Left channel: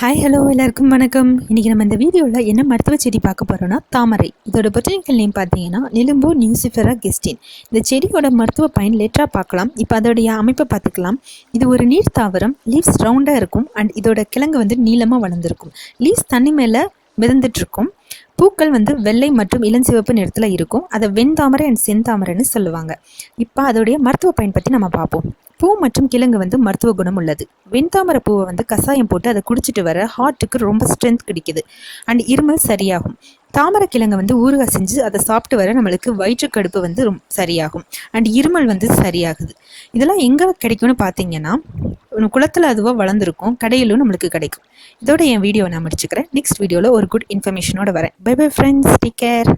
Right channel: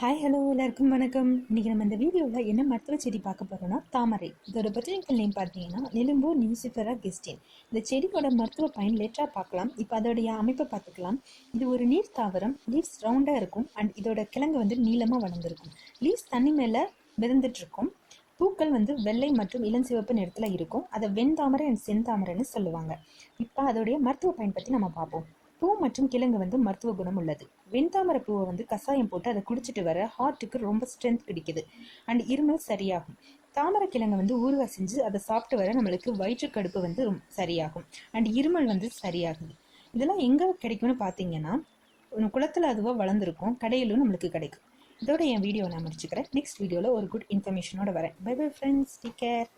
Hi hello எல்லாருக்கும் வணக்கம். இன்றைக்கி நம்ம இந்த வீடியோவில் என்ன மருத்துவ செடி பார்க்க போகிறோன்னா தாமரை. இதோட பொட்டானிக்கல் நேம் பார்த்தீங்கன்னா நிலும்போ நியூசிஃபெரா கெஸ்டின். இந்த செடியோட மருத்துவ பயன் லேட்டராக பார்க்கலாம். இப்போ அதோடைய அமைப்பை பார்த்துக்கலாம். இது ஒரு நீர் தாவரம். லீவ்ஸ் ரவுண்டாக இருக்கும் அண்ட் இதோட கிழங்கு வந்து நீளமாக வளர்ந்துருக்கும். லீவ்ஸ் தண்ணி மேலே மிதந்துட்டுருக்கும். பூக்கள் வந்து வெள்ளை மற்றும் இளஞ்சிவப்பு நிறத்தில் இருக்கும். அதை வெண்தாமரை அண்ட் செந்தாமரைன்னு சொல்லுவாங்க. இப்போ அதோடைய மருத்துவ பயன் பற்றி நம்ம பார்ப்போம். பூ மற்றும் கிழங்கு வந்து மருத்துவ குணம் உள்ளது. வெண்தாமரை பூவை வந்து கசாயம் போட்டு அதை குடிச்சிட்டு வர ஹார்ட்டுக்கு ரொம்ப ஸ்ட்ரென்த் கிடைக்குது அண்ட் இருமல் சரியாகும். தாமரை கிழங்கு வந்து ஊறுகாய் செஞ்சு அதை சாப்பிட்டு வர நம்மளுக்கு வயிற்றுக்கடுப்பு வந்து சரியாகும் அண்ட் இருமல் வந்து சரியாகுது. இதெல்லாம் எங்கே கிடைக்கும்னு பார்த்தீங்கன்னா குளத்தில் அதுவாக வளர்ந்துருக்கும், கடையிலும் நம்மளுக்கு கிடைக்கும். இதோட என் வீடியோவை நான் முடிச்சுக்கிறேன். நெக்ஸ்ட் வீடியோவில் ஒரு குட் இன்ஃபர்மேஷனோட வரேன். Bye bye friends, take care.